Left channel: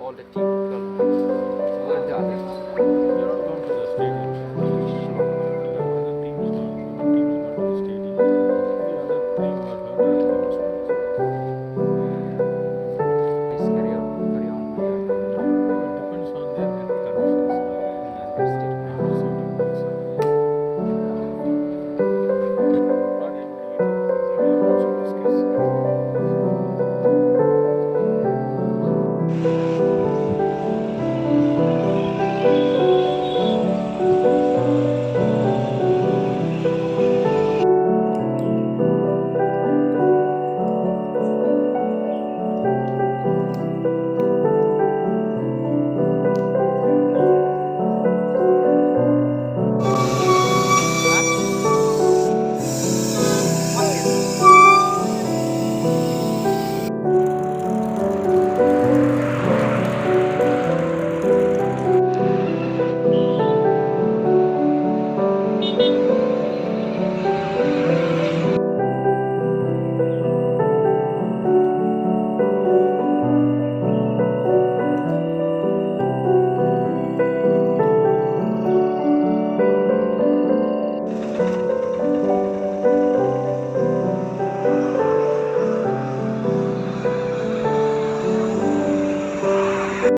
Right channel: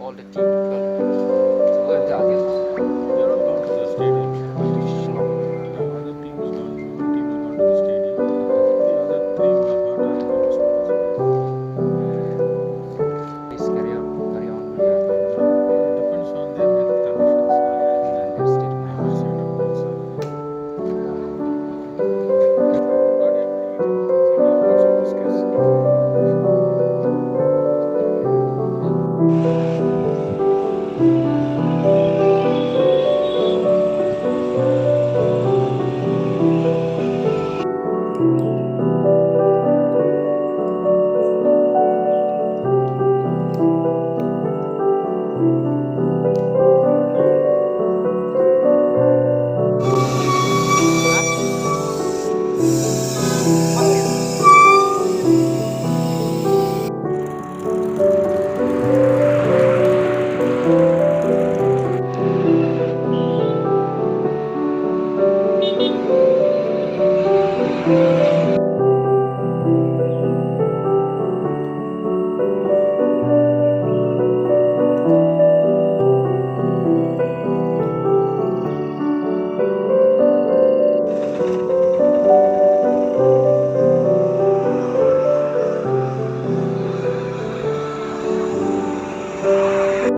All the team, 12 matches. So where the others? They're all gone to the stadium. Sure. The other team is gone. One team has gone to the stadium. The other three were hurt are in the hospitals. Please carry on. No, it depends on their health conditions and That's it. the oversight of both sides. Not able to eat anything. So we have lots of biscuits.